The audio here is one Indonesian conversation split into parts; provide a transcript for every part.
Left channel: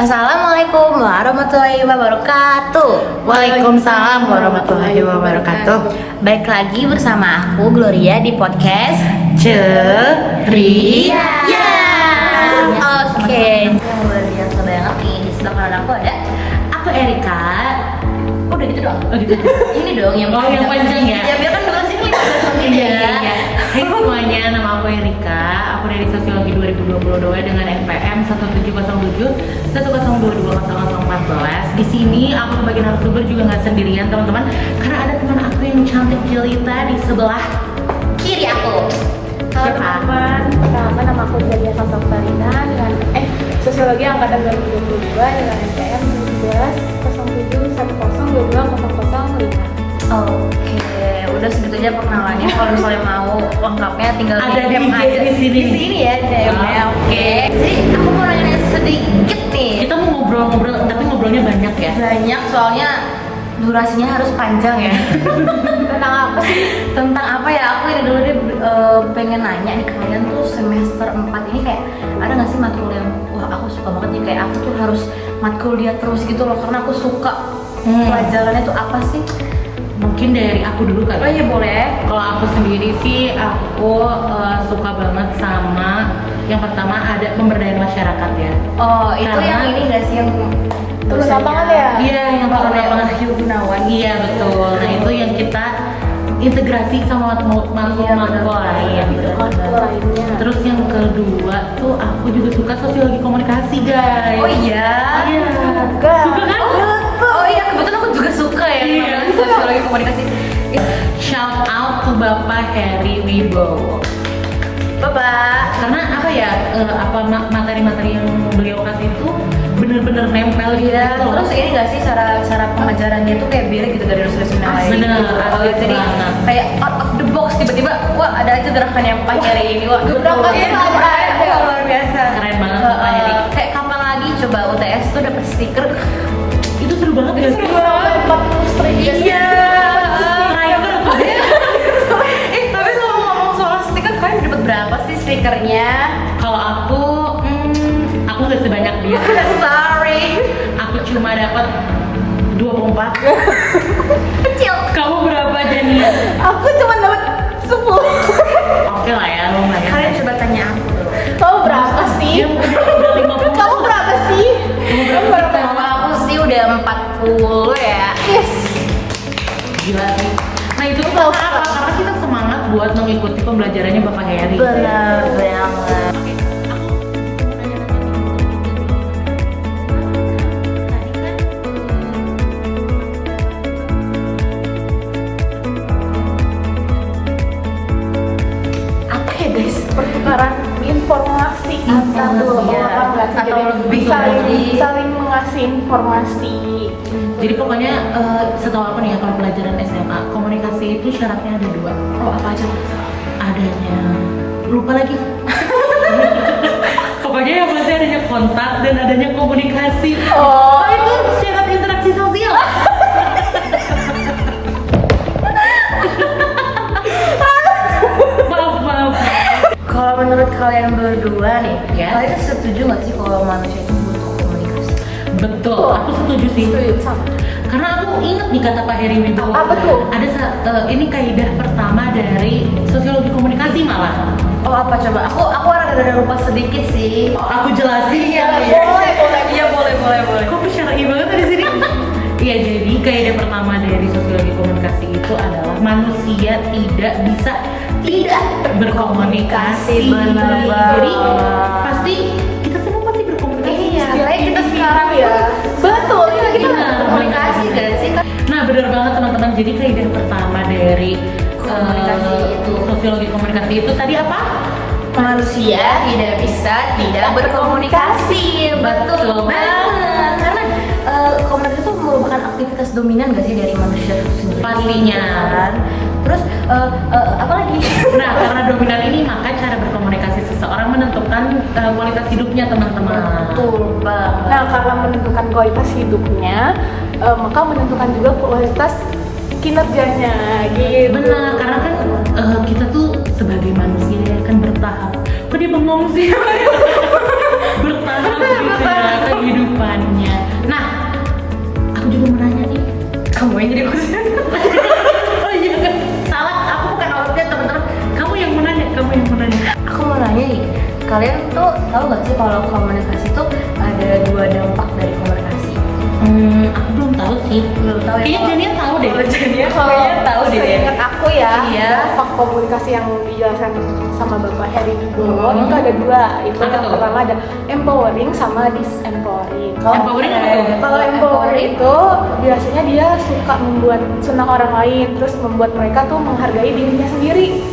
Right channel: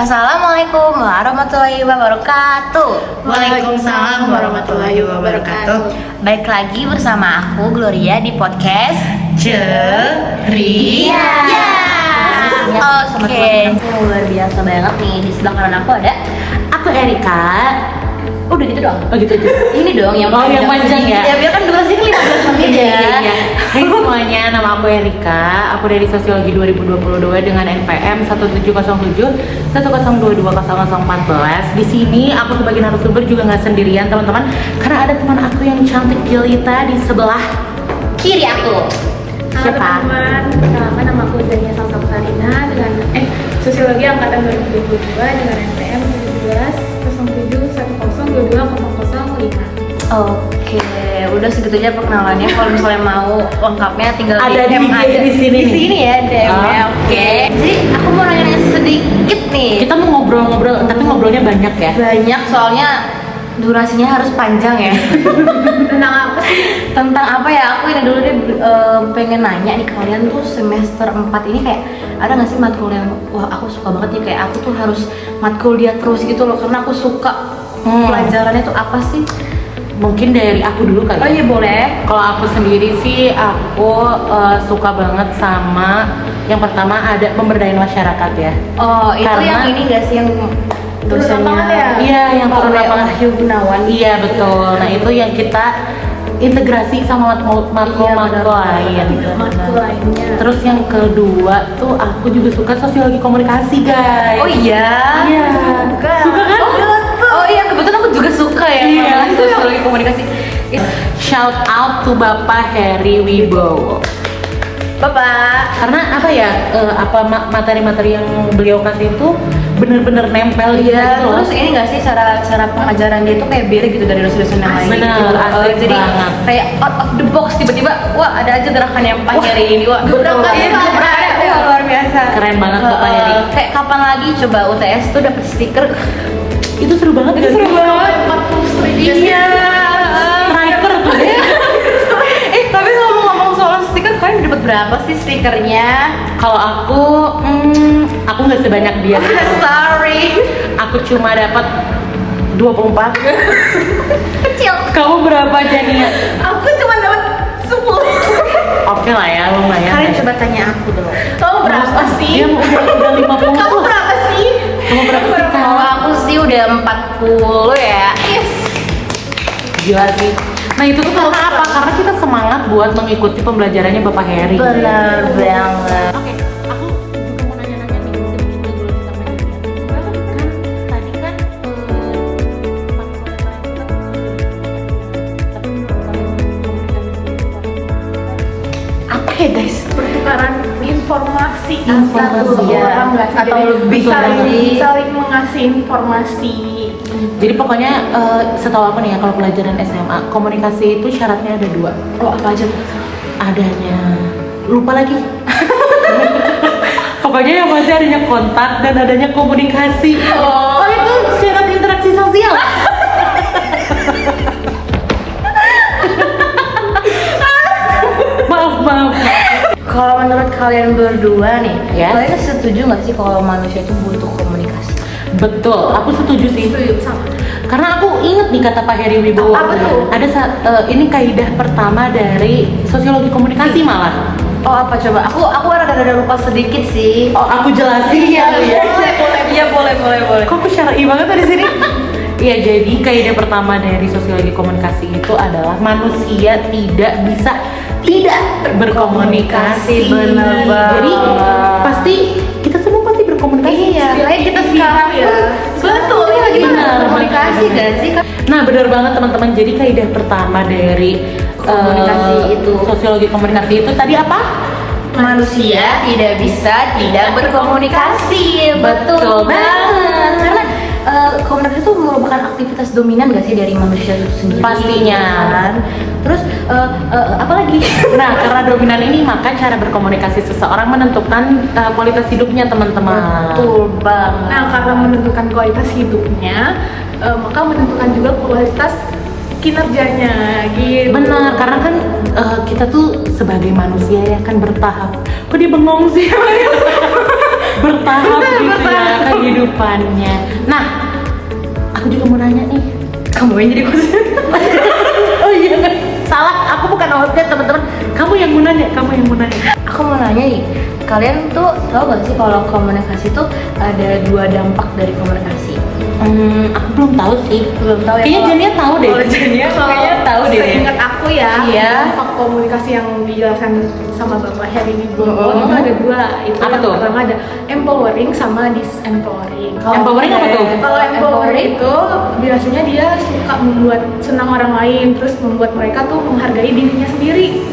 Assalamualaikum warahmatullahi wabarakatuh. Waalaikumsalam warahmatullahi wabarakatuh. Baik lagi bersama aku Gloria di podcast Ceria. Oke, yang luar biasa banget nih. Di sebelah kanan aku ada. Aku Erika. Udah gitu doang. Oh gitu. Ini dong yang Oh, yang panjang ya? Ya biar kan durasinya 15 menit ya. Hai semuanya, nama aku Erika. Aku dari Sosiologi 2022 dengan NPM 1707 1022014. Di sini aku sebagai narasumber juga nggak sendirian teman-teman, karena ada teman aku yang cantik jelita di sebelah Kiri aku. Halo Siapa? teman-teman, perkenalkan nama aku Zania Salsabutarina dengan Sosiologi Angkatan 2022 dengan NPM 170710220005. Oke, udah segitu aja perkenalannya. Kalau misalnya mau lengkapnya tinggal Ada DM di aja sini. ya DM-nya. Oke. Jadi aku mau nanya sedikit nih. Kita mau ngobrol-ngobrol, tapi ngobrolnya banyak ya. Banyak soalnya durasinya harus panjang ya. Tentang apa sih? Tentang apa ya? Aku ini dulu deh pengen nanya nih, kalian tuh semester 4 ini kayak ada nggak sih matkul yang wah aku suka banget nih, kayak aku tuh harus matkul dia terus gitu loh karena aku suka pelajarannya tuh apa sih? Mungkin dari aku dulu kali. Oh iya boleh. Kalau aku sendiri sih, aku suka banget sama yang pertama ada pemberdayaan masyarakat ya. Oh itu Karena- yang ini nggak sih yang Turun lapangan ya? Iya, yang Pak turun lapangan. Wahyu Gunawan. Iya betul. Nah itu yang kita integrasi sama matkul Iya, benar. lain. Matkul lainnya. Terus yang kedua tuh aku juga suka sosiologi komunikasi guys. Oh iya. Iya. Juga. Oh iya, kebetulan aku juga suka ya Iya. namanya sosiologi komunikasi. Shout out to Bapak Heri Wibowo. Bapak. Karena apa ya, materi-materi yang beliau kasih itu bener-bener nempel Iya, gitu loh. terus ini nggak sih cara pengajaran dia tuh kayak beda gitu dari dosen-dosen yang lain Bener, gitu. asik Jadi banget. kayak out of the box tiba-tiba, wah ada aja gerakan yang Pak Heri ini, wah gebrakan iya, apa? gebrakannya wah luar biasa. Keren banget Eh, Bapak Heri. kayak kapan lagi coba UTS tuh dapat stiker? Itu seru banget. Itu seru banget. 40 strip. Iya. Striker. Tapi kalau ngomong soal stiker, kalian dapat berapa sih stikernya? Kalau aku nggak sebanyak dia. Sorry. Aku cuma dapat 24. Kecil. Kamu berapa Jania? Aku cuma dapat 10. Oke lah ya, lumayan. Kalian coba tanya aku dong. Kamu berapa sih? Udah 50. Kamu berapa sih? Kalau aku sih udah 40 ya. Gila sih. Nah itu tuh kalau apa? Karena kita semangat buat mengikuti pembelajarannya Bapak Heri. Benar banget. Apa ya guys? Pertukaran informasi antar dua Iya, orang nggak sih? atau Jadi lebih saling, nggak sih? saling mengasih informasi. Jadi pokoknya setahu aku nih ya, kalau pelajaran SMA komunikasi itu syaratnya ada 2. Oh apa aja tuh? Adanya lupa lagi. Pokoknya yang pasti adanya kontak dan adanya komunikasi. Oh, itu syarat interaksi sosial. maaf. Kalau menurut kalian berdua nih, Yes. kalian setuju nggak sih kalau manusia itu butuh komunikasi? Betul, aku setuju sih. Sama. Karena aku ingat nih kata Pak Heri Wibowo. Apa tuh? Ada ini kaidah pertama dari sosiologi komunikasi malah. Oh apa coba? Aku rada-rada lupa sedikit sih. Oh, aku jelasin. Iya boleh. Kok aku syar'i banget di sini? Iya, jadi kaidah pertama dari sosiologi komunikasi itu adalah manusia tidak bisa tidak berkomunikasi. Bener banget. Jadi pasti kita semua pasti berkomunikasi. Iya, kayak kita sekarang pun betul kita lagi komunikasi gak sih? Nah, benar banget teman-teman. Jadi kaidah pertama dari Komunikasi itu. sosiologi komunikasi itu tadi apa? Manusia tidak bisa tidak berkomunikasi. Betul banget. Karena komunikasi itu merupakan aktivitas dominan gak sih dari manusia itu sendiri? Pastinya. Kan? Terus apa lagi? Nah, karena dominan ini maka cara berkomunikasi seseorang menentukan kualitas hidupnya teman-teman. Betul banget. Nah, karena menentukan kualitas hidupnya, maka menentukan juga kualitas kinerjanya gitu. Benar, karena kan kita tuh sebagai manusia ya kan bertahap. Kok dia bengong sih? bertahap gitu ya, kan kehidupannya. Nah, aku juga mau nanya nih. Kamu yang jadi host. Oh iya, salah. Aku bukan hostnya teman-teman. Kamu yang mau nanya. Aku mau nanya nih, kalian tuh tahu gak sih kalau komunikasi tuh ada 2 dampak dari komunikasi? Aku belum tahu sih. Belum tahu ya. Kayaknya Jania tahu deh. Kalau Jania kayaknya tahu deh. Seingat aku ya, Iya. dampak komunikasi yang dijelaskan sama Bapak Heri dulu Mm-hmm. itu ada 2. Itu Apa yang tuh? pertama ada empowering sama disempowering. Empowering apa tuh? Kalau empowering itu biasanya dia suka membuat senang orang lain, terus membuat mereka tuh menghargai dirinya sendiri.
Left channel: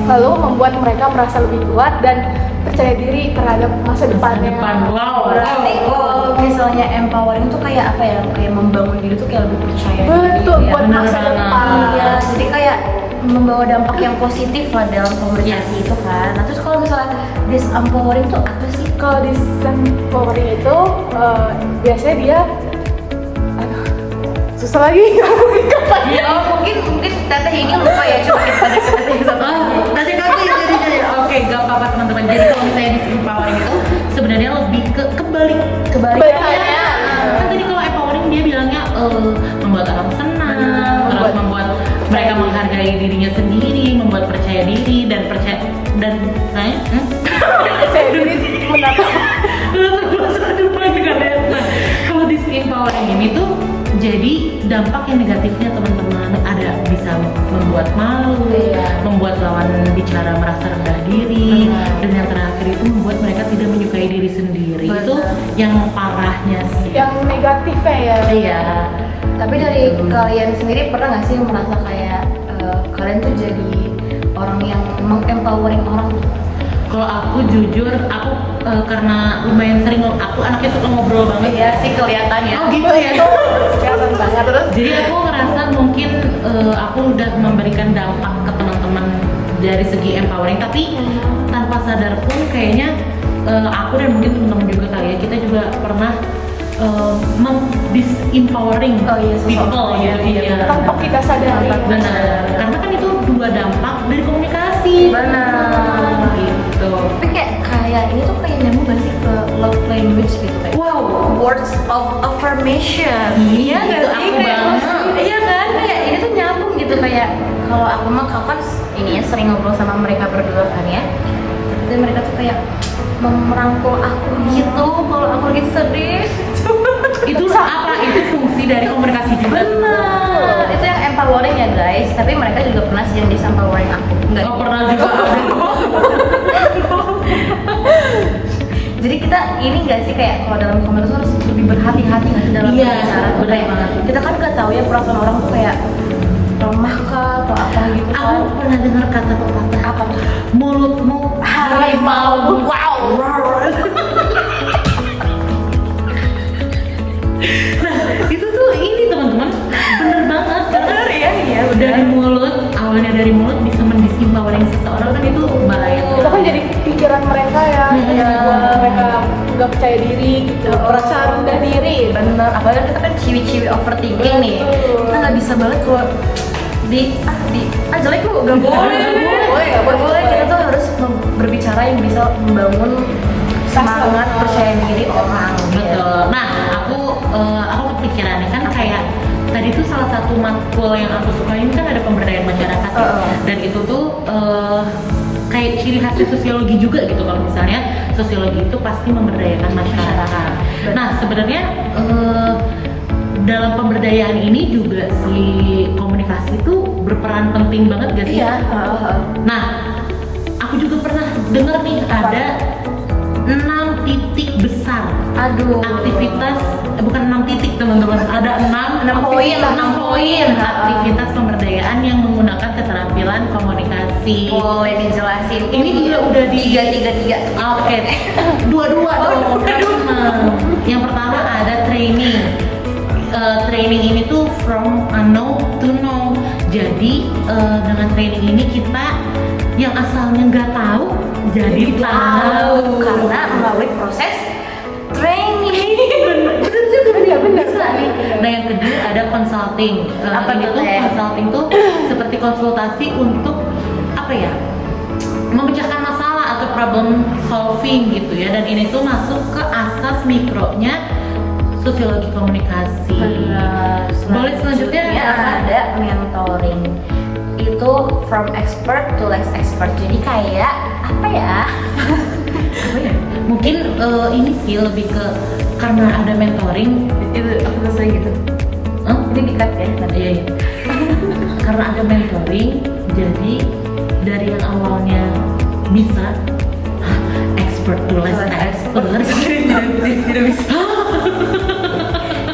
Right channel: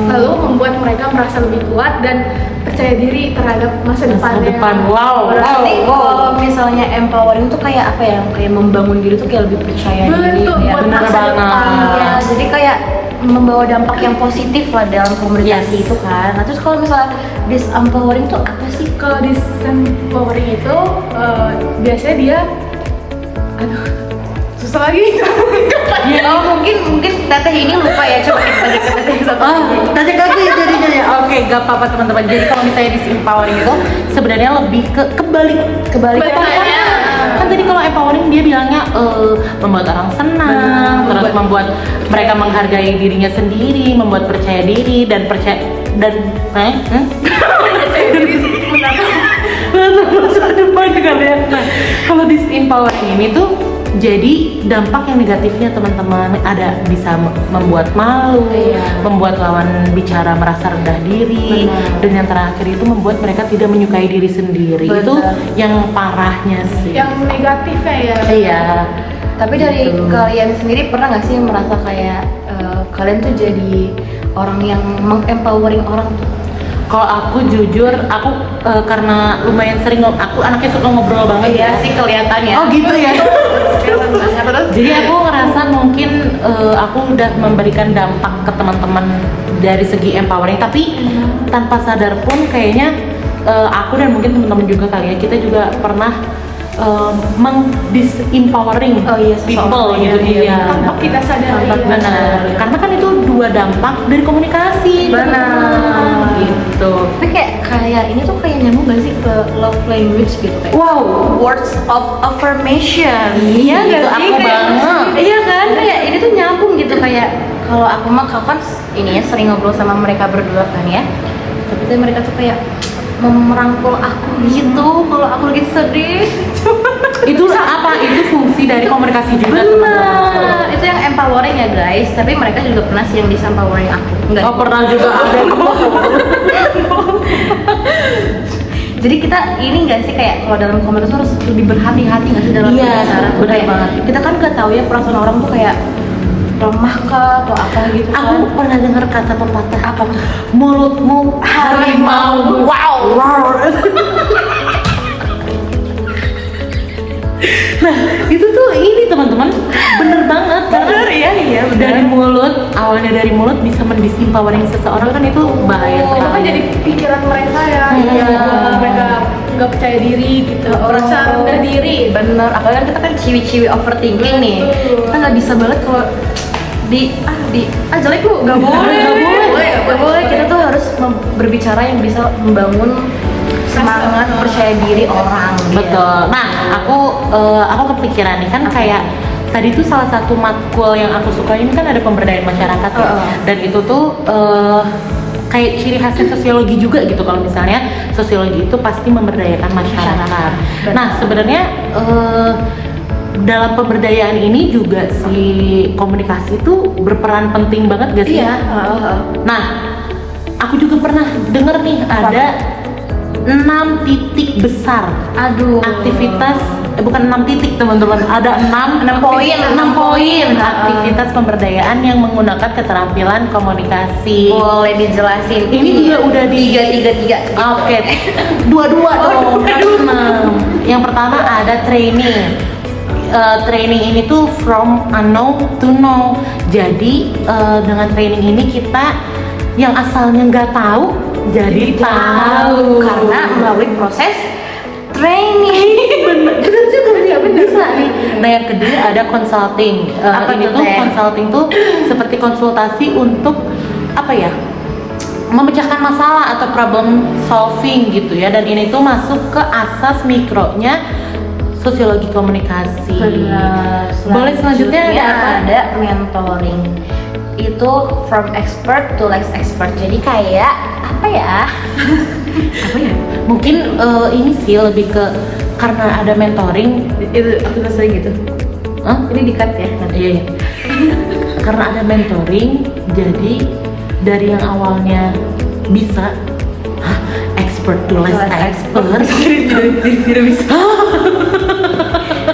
Lalu membuat mereka merasa lebih kuat dan percaya diri terhadap masa depannya. Wow. Berarti kalau misalnya empowering tuh kayak apa ya? Kayak membangun diri tuh kayak lebih percaya diri. Betul, Ya. buat benar masa banget. depan. Iya, jadi kayak membawa dampak yang positif lah dalam komunikasi itu kan. Nah terus kalau misalnya disempowering tuh apa sih? Kalau disempowering itu biasanya dia, aduh, susah lagi. Oh mungkin teteh ini lupa ya, coba kita tanya ke teteh yang satu Oh, lagi. tadi jadinya. Oke, gak apa-apa teman-teman. Jadi kalau misalnya disempowering itu sebenarnya lebih ke Kebalikannya. Kan jadi kalau empowering dia bilangnya membuat orang senang, Benar. terus membuat mereka menghargai dirinya sendiri, membuat percaya diri dan percaya dan Percaya diri menata. Nah, kalau disempowering ini tuh jadi dampak yang negatifnya teman-teman ada bisa membuat malu, Iya. membuat lawan bicara merasa rendah diri, Benar. dan yang terakhir itu membuat mereka tidak menyukai diri sendiri. Benar. Itu yang parahnya sih. Yang negatifnya ya. Iya. Tapi dari Gitu. kalian sendiri pernah nggak sih merasa kayak kalian tuh jadi orang yang mengempowering orang tuh? Kalau aku jujur, aku karena lumayan sering aku anaknya suka ngobrol banget. Iya sih kelihatannya. Oh gitu ya. Terus Jadi aku ngerasa mungkin aku udah memberikan dampak ke teman-teman dari segi empowering, tapi tanpa sadar pun kayaknya aku dan mungkin teman-teman juga kali ya, kita juga pernah disempowering Oh iya, people seseorang, iya, gitu iya, ya. Tanpa kita sadari. Tanpa kita Benar. sadari. Karena kan itu 2 dampak dari komunikasi. Benar. Gitu. tapi kayak ini tuh kayak nyambung gak sih ke love language gitu kayak Wow. words of affirmation. Iya itu gak sih? aku Kayak, banget. iya kan kayak ini tuh nyambung gitu kayak kalau aku mah kau kan ini ya sering ngobrol sama mereka berdua kan ya. Tapi tuh mereka tuh kayak merangkul aku gitu kalau aku lagi sedih. Itu apa? Itu fungsi dari komunikasi juga. Benar. Itu yang empowering ya guys. Tapi mereka juga pernah sih yang disempowering aku. Enggak. Oh, pernah juga ada. Jadi kita ini nggak sih kayak kalau dalam komunikasi harus lebih berhati-hati nggak sih dalam Iya, berbicara tuh benar kayak banget. kita kan nggak tahu ya perasaan orang tuh kayak lemah kah atau apa gitu kan. Aku pernah dengar kata pepatah, Apa tuh? mulutmu harimau. Wow. Nah, itu tuh ini teman-teman, bener banget. Bener ya, iya Dari benar. mulut, awalnya dari mulut bisa mendisempowering seseorang kan itu bahaya. Itu kan jadi pikiran mereka ya. Iya. Buat mereka nggak percaya diri gitu. Oh. Merasa rendah diri. Bener, apalagi kan kita kan ciwi-ciwi overthinking nih. Betul. Kita nggak bisa banget kalau jelek lu, nggak boleh. Nggak boleh. Kita tuh harus berbicara yang bisa membangun semangat percaya diri orang. Betul. Nah, aku kepikiran nih kan kayak tadi tuh salah satu matkul yang aku suka ini kan ada pemberdayaan masyarakat tuh. Dan itu tuh kayak ciri khasnya sosiologi juga gitu. Kalau misalnya sosiologi itu pasti memberdayakan masyarakat. Benar. Nah, sebenarnya dalam pemberdayaan ini juga si komunikasi itu berperan penting banget gak sih? Iya. Nah, aku juga pernah denger nih ada 6 titik besar Aduh. aktivitas, bukan 6 titik teman-teman, ada 6 poin, 6 poin. aktivitas pemberdayaan yang menggunakan keterampilan komunikasi. Boleh dijelasin. Ini juga udah di tiga. Oke, dua-dua dong. Yang pertama ada training. Training ini tuh from unknown to know. Jadi dengan training ini kita yang asalnya nggak tahu jadi tahu Karena melalui proses training. bener juga sih, bisa. Nah yang kedua ada consulting. Apa Ini tuh, tuh Teh? consulting tuh seperti konsultasi untuk apa ya? memecahkan masalah atau problem solving gitu ya, dan ini tuh masuk ke asas mikronya sosiologi komunikasi. Benar. Boleh selanjutnya ada mentoring. Itu from expert to less expert. Jadi kayak apa ya? Apa ya? Mungkin ini sih lebih ke karena ada mentoring. Itu aku rasa gitu. Hah? Ini di-cut ya nanti. Iya. Karena ada mentoring, jadi dari yang awalnya bisa expert to less expert. Tidak bisa.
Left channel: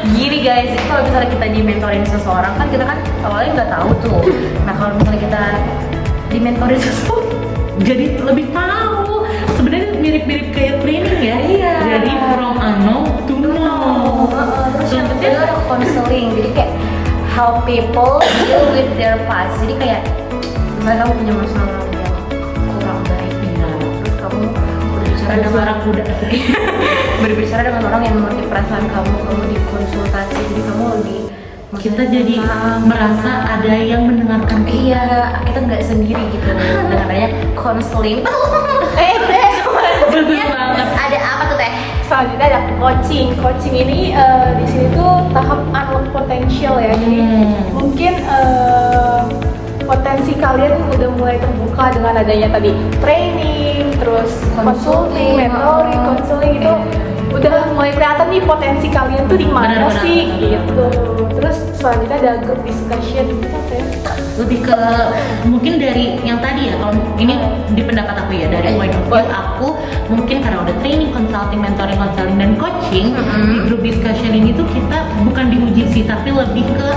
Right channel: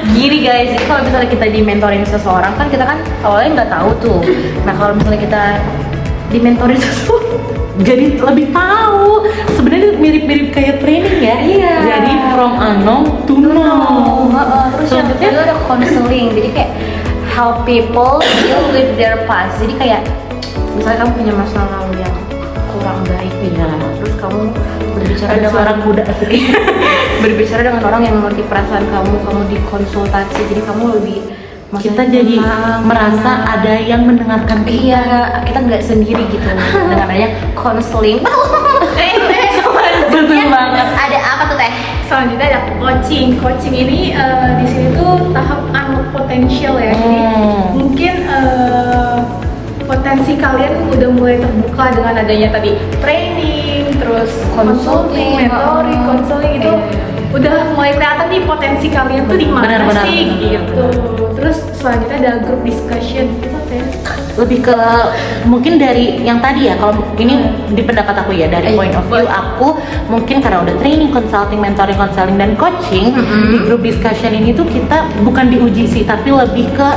Gini guys, jadi kalau misalnya kita di-mentorin seseorang kan kita kan awalnya nggak tahu tuh. Nah kalau misalnya kita di-mentorin seseorang, jadi lebih tahu. Sebenarnya mirip-mirip kayak training ya. Iya. Jadi from unknown to known. Terus yang kedua ada counseling. Jadi kayak how people deal with their past. Jadi kayak misalnya kamu punya masa lalu yang kurang baik gitu, terus kamu berbicara dengan orang muda berbicara dengan orang yang mengerti perasaan kamu dikonsultasi, jadi kamu lebih kita jadi merasa ada yang mendengarkan kita. Iya, kita nggak sendiri gitu dengan adanya counseling. Betul banget. Ada apa tuh teh? Selanjutnya ada coaching. Coaching ini di sini tuh tahap unlock potential ya. Jadi mungkin potensi kalian udah mulai terbuka dengan adanya tadi training, terus consulting, mentoring, counseling itu udah mulai kelihatan nih potensi kalian tuh di mana sih gitu. Terus selanjutnya ada group discussion. Itu apa ya? Lebih ke mungkin dari yang tadi ya, kalau ini di pendapat aku ya, dari point of view aku mungkin karena udah training, consulting, mentoring, counseling dan coaching, di group discussion ini tuh kita bukan diuji sih, tapi lebih ke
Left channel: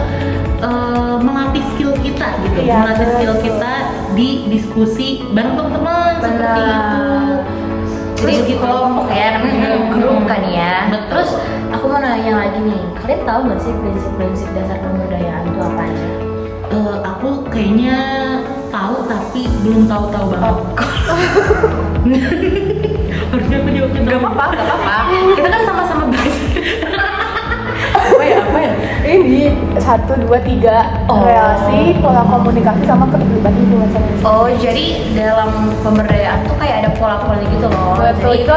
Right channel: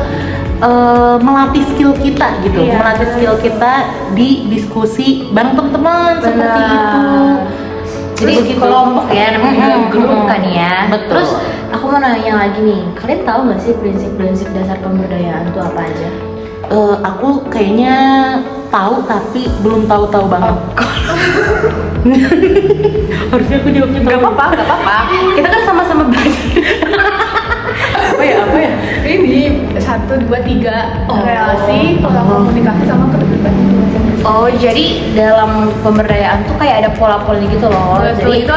melatih skill kita gitu, melatih skill kita di diskusi bareng teman-teman. Benar. Jadi kelompok ya, namanya juga grup kan ya. Betul. Terus aku mau nanya lagi nih, kalian tahu nggak sih prinsip-prinsip dasar pemberdayaan itu apa aja? Aku kayaknya tahu tapi belum tahu-tahu banget. Harusnya aku jawab itu. Gak apa-apa. Kita kan sama-sama belajar. Apa ya? Ini 1, 2, 3 relasi, pola komunikasi sama keterlibatan lingkungan sama. Oh, jadi dalam pemberdayaan tuh kayak ada pola-pola gitu loh. Jadi itu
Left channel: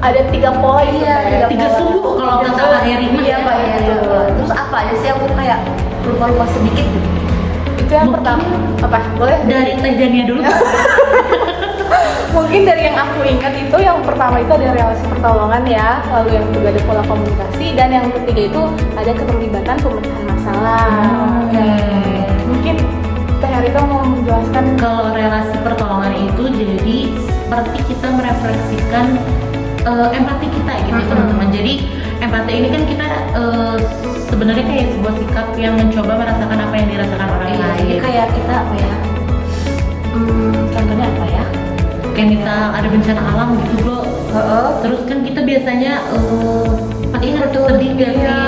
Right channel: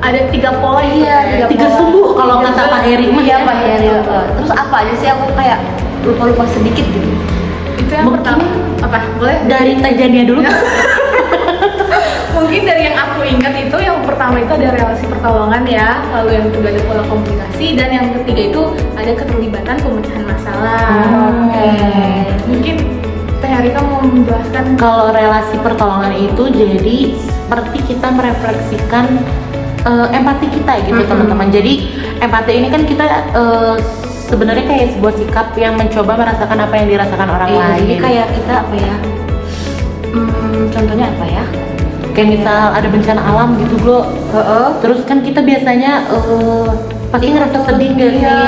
ada 3 pola. Iya, 3 sumbu kalau kata Pak Heri. Iya, Pak Heri. Terus apa aja sih, aku kayak lupa-lupa sedikit gitu. Itu yang pertama. Apa? Boleh? Dari tajannya dulu. Mungkin dari yang aku ingat itu yang pertama itu ada relasi pertolongan ya, lalu yang kedua ada pola komunikasi, dan yang ketiga itu ada keterlibatan pemecahan masalah. Oke. Mungkin Teh Harika mau menjelaskan. Kalau relasi pertolongan itu jadi seperti kita merefleksikan empati kita gitu teman-teman. Jadi empati ini kan kita sebenarnya kayak sebuah sikap yang mencoba merasakan apa yang dirasakan orang Iya, lain. jadi kayak kita apa ya? Contohnya apa ya? Kayak misal ada bencana alam gitu bro. Terus kan kita biasanya pasti ngerasa sedih gak sih? Iya.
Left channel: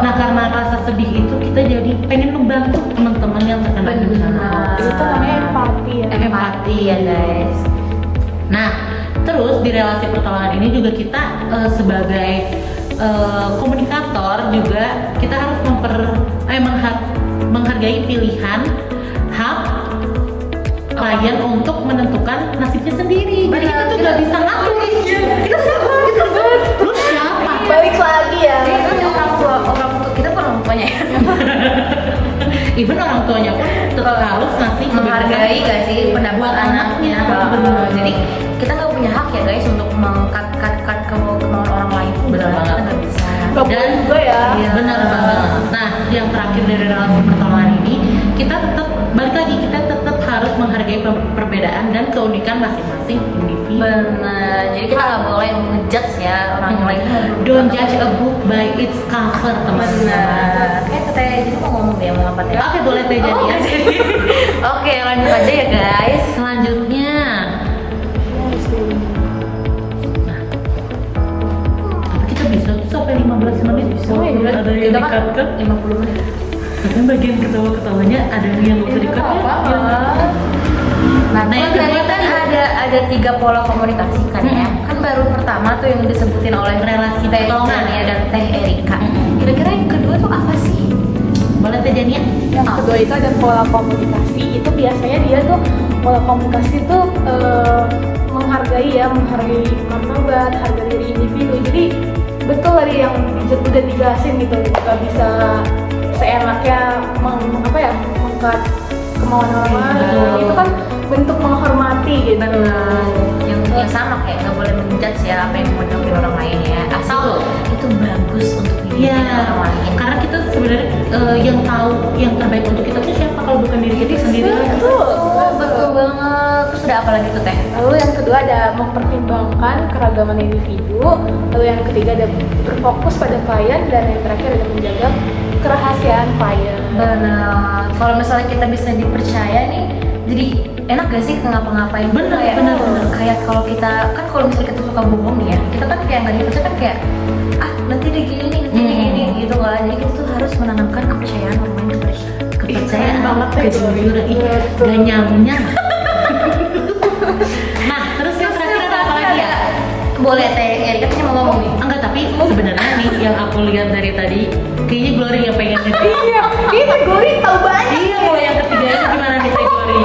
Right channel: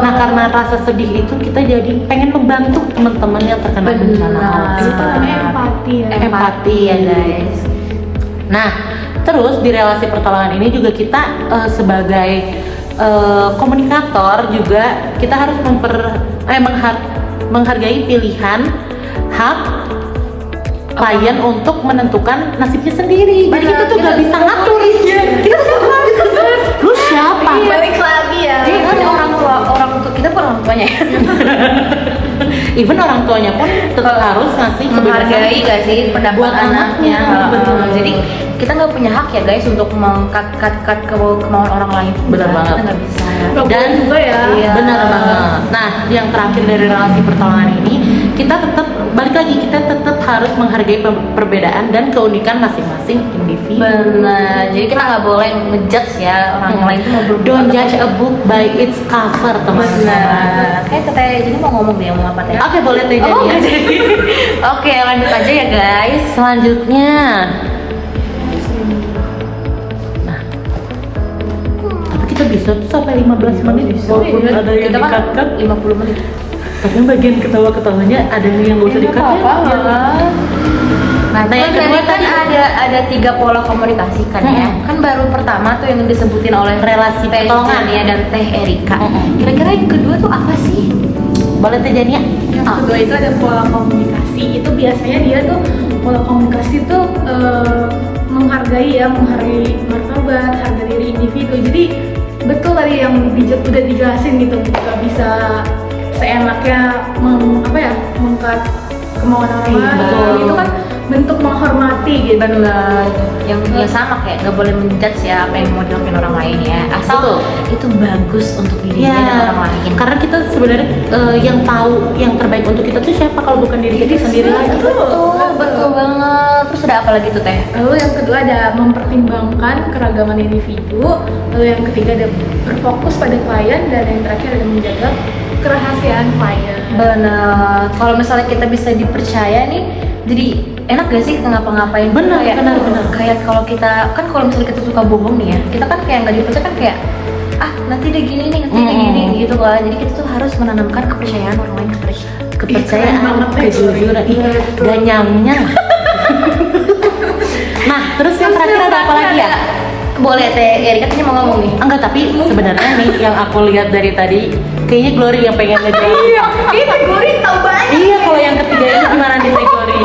Nah karena rasa sedih itu kita jadi pengen membantu teman-teman yang terkena bencana alam. Itu namanya empati ya. Empati ya guys. Nah, terus di relasi pertolongan ini juga kita sebagai komunikator juga kita harus menghargai pilihan hak klien untuk menentukan nasibnya sendiri. Jadi Benar, kita tuh gak bisa ngatur. Kita sama. Lu siapa? Balik lagi ya. Jadi kan orang tua kita bukan orang tuanya ya. Even orang tuanya pun tetap harus ngasih Menghargai gak sih pendapat buat anaknya. anaknya. Jadi kita nggak punya hak ya guys untuk mengkat kemauan orang lain pun Benar banget. kita nggak bisa. Nggak boleh juga ya. Iya. Benar banget. Nah, yang terakhir dari relasi pertolongan ini, kita tetap balik lagi, kita tetap harus menghargai perbedaan dan keunikan masing-masing individu. Benar. Jadi kita nggak boleh ngejudge ya orang yang lain itu mau berbuat. Don't judge a book by its cover, teman-teman. Benar. Kayak katanya jadi mau ngomong dia mau apa teh? Oke, boleh deh. Oh nggak jadi. Oke lanjut aja ya guys. Selanjutnya, kita bisa tuh sampai 15 menit. Walaupun ada yang Kita kan dikatkan. 50 menit. Karena bagian ketawa-ketawanya ada yang gak usah Ini dikatkan. apa-apa lah. Nah, Nah, yang tadi kedua kan tadi. ada 3 pola komunikasi kan ya. Kan baru pertama tuh yang disebutin oleh Relasi Teh pertolongan. Jania dan Teh Erika. Mm-mm. Kira-kira yang kedua tuh apa sih? Boleh Tajania? Yang kedua itu ada pola komunikasi. Itu biasanya dia tuh pola komunikasi tuh menghargai martabat, harga diri individu. Jadi betul tadi yang udah dijelasin gitu, nggak bisa seenaknya mengkat kemauan orang lain. Betul. Itu kan bentuk menghormati gitu. Benar, yang sama kayak nggak boleh menjudge ya apa yang mau dilakuin orang lain ya, asal itu bagus untuk dirinya dan orang lain. Karena kita sebenarnya yang tahu yang terbaik untuk kita tuh siapa kalau bukan diri kita sendiri. Betul banget. Terus ada apa lagi tuh Teh? Lalu yang kedua ada mempertimbangkan keragaman individu. Lalu yang ketiga ada berfokus pada klien, dan yang terakhir ada menjaga kerahasiaan klien. Benar. Kalau misalnya kita bisa dipercaya nih, jadi enak gak sih ngapa-ngapain? Benar, kayak benar. kayak kalau kita kan kalau misalnya kita suka bohong nih ya, kita kan kayak nggak dipercaya kan kayak nanti dia gini nih, nanti dia gini gitu kan. Jadi kita tuh harus menanamkan kepercayaan orang lain Kepercayaan banget, kejujuran, ganyangnya. Nah, terus yang terakhir ada apa lagi ya? Boleh Teh Erika tadi mau ngomong nih. Enggak, tapi sebenarnya nih yang aku lihat dari tadi kayaknya Glory yang pengen ngejawab. Ini gue tahu banyak. Iya, kalau yang ketiga ini gimana nih Glory?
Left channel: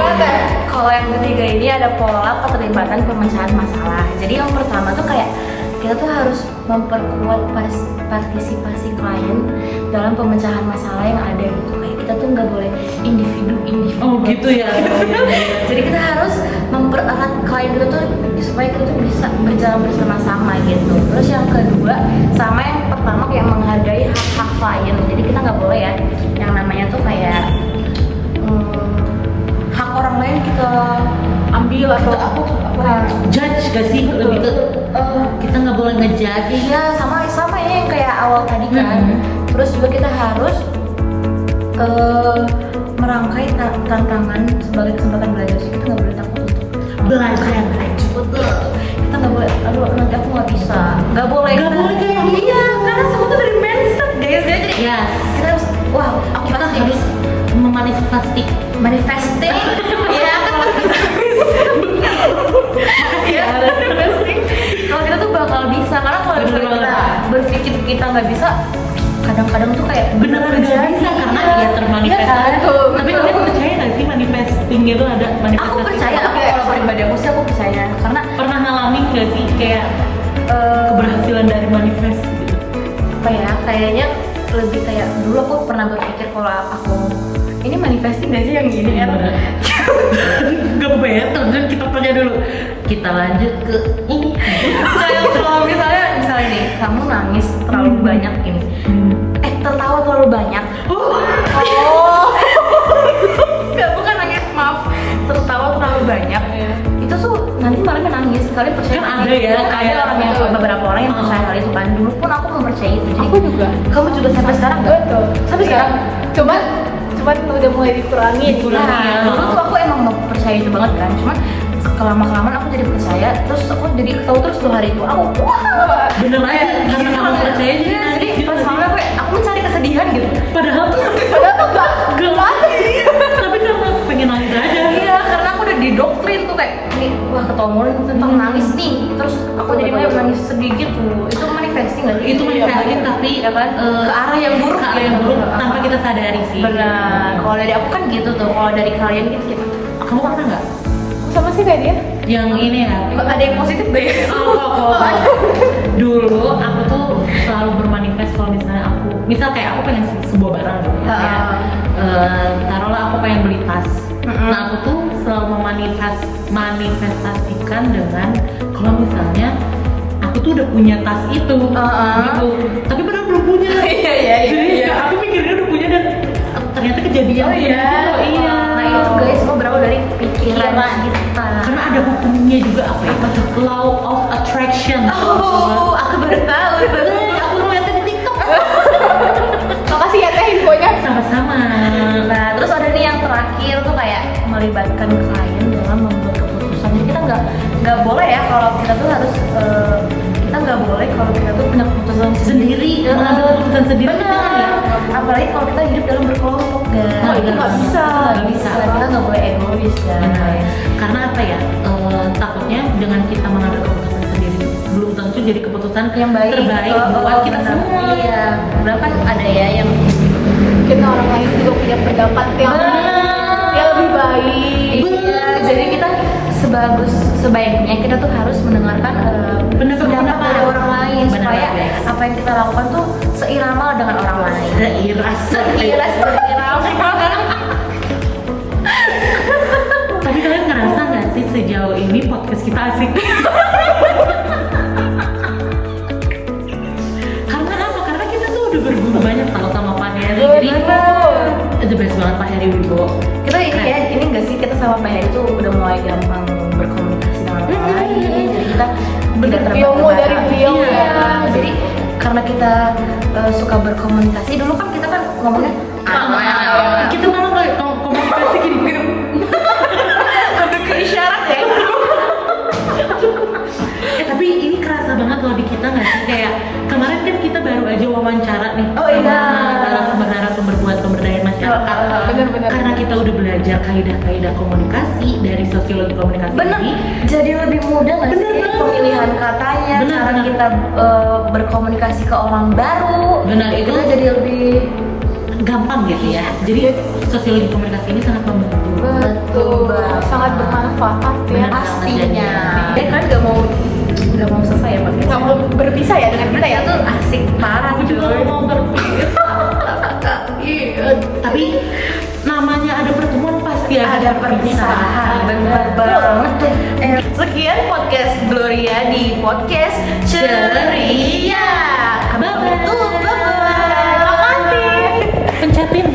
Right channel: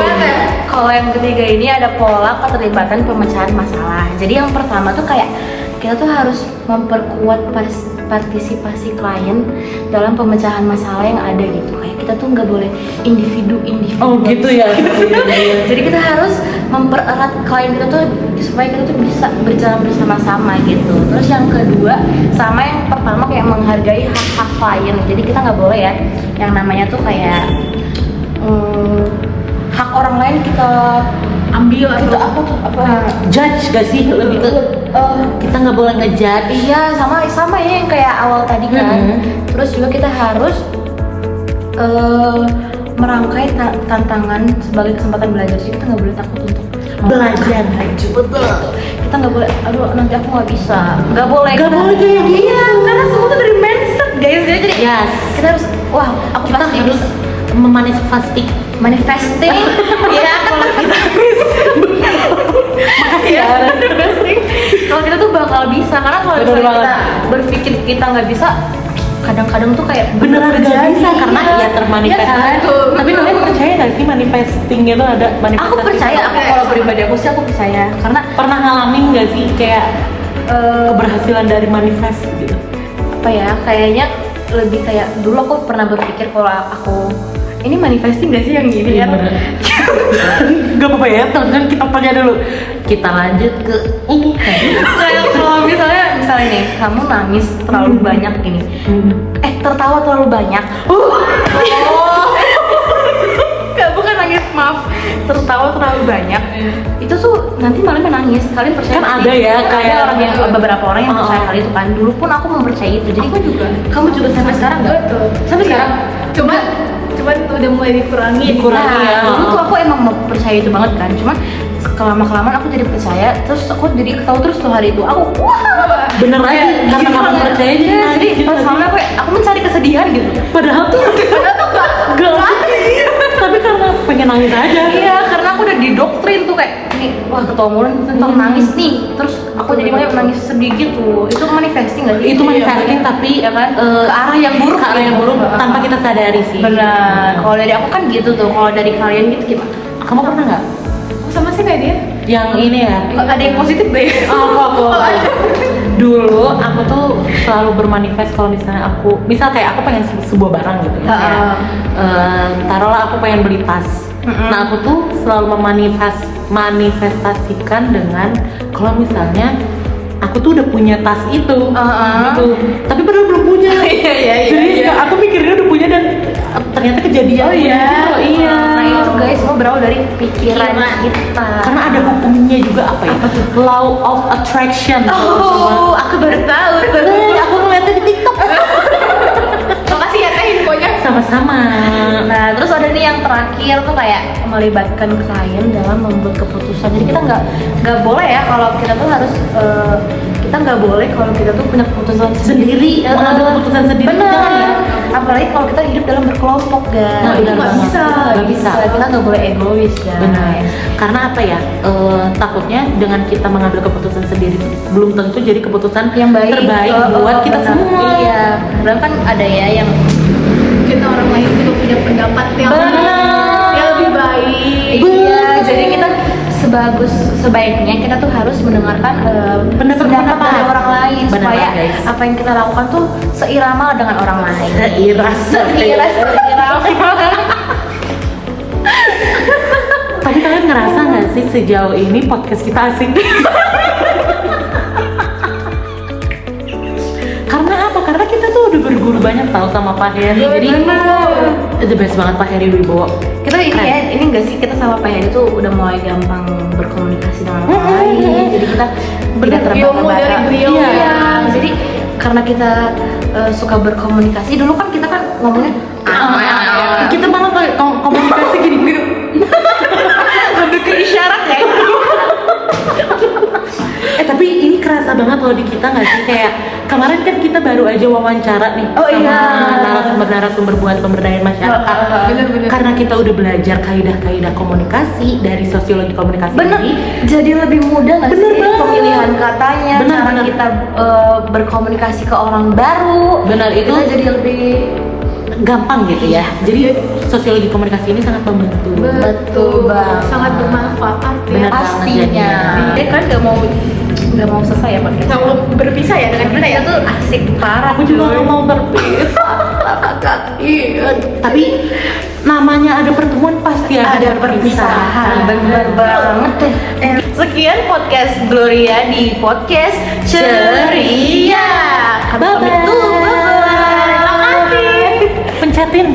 Kalau yang ketiga ini ada pola keterlibatan pemecahan masalah. Jadi yang pertama tuh kayak kita tuh harus memperkuat partisipasi klien dalam pemecahan masalah yang ada gitu. Kayak kita tuh nggak boleh individu. Oh gitu ya. Jadi kita harus mempererat klien kita tuh supaya kita tuh bisa berjalan bersama-sama gitu. Terus yang kedua, sama yang pertama kayak menghargai hak-hak klien. Jadi kita nggak boleh ya yang namanya tuh kayak hak orang lain kita ambil atau Kita apa ya? Judge gak sih? Lebih ke kita nggak boleh ngejudge. Iya, sama ya yang kayak awal tadi kan. Terus juga kita harus merangkai tantangan sebagai kesempatan belajar. Jadi kita nggak boleh takut untuk Belajar. betul. Kita nggak boleh, aduh nanti aku nggak bisa. Nggak boleh. Nggak kita, boleh kayak yang gitu. Iya, karena semua tuh dari mindset guys ya. Jadi Yes. kita harus, wah aku pasti bisa manifesting. Ya kalau kita ya manifesting. Kalau kita tuh bakal bisa, karena kalau misalnya Betul kita berpikir kita nggak bisa, kadang-kadang tuh kayak Beneran terjadi bisa, karena iya. ya termanifest. Iya kan? Tapi kalian percaya nggak sih manifesting itu ada manifestasi? Aku percaya, aku kalau pribadi aku sih aku percaya karena Pernah ngalamin nggak sih kayak keberhasilan dari manifest gitu? apa ya, kayaknya lebih kayak dulu aku pernah berpikir kalau aku ini manifesting gak sih yang gini ya? Gak apa-apa ya, kan kita tanya dulu. Kita lanjut ke ini. Kayak kalau misalnya nih kamu nangis terlalu banyak gini, tertawa terlalu banyak. Gak, bukan nangis, maaf, tertawa terlalu banyak. Itu tuh nanti malamnya nangis. Kalian percaya Kan nggak ada sih? ya, Kan kayak ada orang yang beberapa orang yang percaya hal itu kan. Dulu pun aku mempercayai itu. Jadi Aku juga. Kamu juga sampai sekarang nggak? Betul. Sampai sekarang? Cuman udah mulai dikurangi. Nah, dulu tuh aku emang percaya itu banget kan. Cuman kelama-kelamaan aku jadi percaya. Terus aku jadi tahu terus tuh hari itu. Aku wah, Bener kayak lagi, karena gila. kamu percaya Iya, gimana jadi sih? pas malam aku mencari kesedihan gitu. Padahal tuh tapi karena pengen nangis aja. Iya, karena aku udah didoktrin tuh kayak nih, wah ketua mulut tentang nangis nih. Terus aku jadi makanya nangis sedih gitu. Itu manifesting nggak sih? Itu Iya, manifesting, bener. tapi ya kan ke arah yang buruk ke arah gitu. yang buruk tanpa kita sadari sih. Benar. Kalau dari aku kan gitu tuh. Kalau dari kalian gitu gimana? Kamu pernah nggak Sama sih kayak dia. yang ini ya? Ada yang positif deh. Aku dulu aku tuh selalu bermanifest kalau misalnya misal kayak aku pengen sebuah barang gitu kan, Ha-ha. taruhlah aku pengen beli tas. Nah aku tuh selalu manifestasikan dengan kalau misalnya aku tuh udah punya tas itu, gitu. Tapi padahal belum punya. Iya. Jadi aku mikirnya udah punya dan ternyata kejadian. Oh iya. Iya. Nah itu guys semua berawal dari pikiran Iya, kita. Karena ada hukumnya juga apa ya? Apa tuh? Law of attraction. Oh, aku baru tahu tuh. Aku ngeliatnya di TikTok. Makasih ya teh infonya. Sama-sama. Nah, terus ada nih yang terakhir tuh kayak melibatkan klien dalam membuat keputusan. Jadi kita nggak boleh ya kalau kita tuh harus kita nggak boleh kalau kita tuh punya keputusan sendiri. Mengambil keputusan sendiri. Benar. Apalagi kalau kita hidup dalam berkelompok, guys. Oh, itu nggak bisa. Nggak bisa. Kita nggak boleh egois, guys. Karena apa ya? Takutnya dengan kita mengambil keputusan sendiri belum tentu jadi keputusan Yang baik. terbaik buat kita benar. semua. Iya. Padahal kan ada ya yang Mungkin orang lain juga punya pendapat yang benar. lebih baik. Iya, jadi kita sebaiknya kita tuh harus mendengarkan pendapat dari orang lain Benar, supaya guys. apa yang kita lakukan tuh seirama dengan orang lain. Seirama. Tapi kalian ngerasa nggak sih sejauh ini podcast kita asik? Karena apa? Karena kita tuh udah berguru banyak tahu sama Pak Heri. Jadi the best banget Pak Heri Wibowo. Kita ini enggak sih, kita sama Pak Heri tuh udah mulai gampang berkomunikasi dengan orang lain. Jadi kita tidak Ilmu dari terbata-bata. beliau. Iya. Jadi karena kita suka berkomunikasi, dulu kan kita kan ngomongnya Kita malah komunikasi gini-gini. lebih ke isyarat ya. Tapi ini kerasa banget loh di kita nggak sih, kayak kemarin kan kita baru aja wawancara nih Oh, iya. narasumber buat pemberdayaan masyarakat. Bener-bener. Karena kita udah belajar kaidah-kaidah komunikasi dari sosiologi komunikasi Bener, ini. jadi lebih mudah nggak Bener sih banget. pemilihan katanya, Bener, cara bener. kita berkomunikasi ke orang baru. Benar, itu Kita jadi lebih gampang gitu ya. Jadi sosiologi komunikasi ini sangat membantu. Betul banget. Sangat bermanfaat ya. Benar. pastinya. Dia kan nggak mau selesai ya podcast. Nggak mau berpisah ya dengan kita ya. Kita tuh asik parah Aku juga cuy. nggak mau berpisah. Tapi namanya ada pertemuan pasti Ada perpisahan, bener banget deh. Sekian podcast Gloria di podcast Ceria. Kami pamit dulu, bye-bye. Pencetin.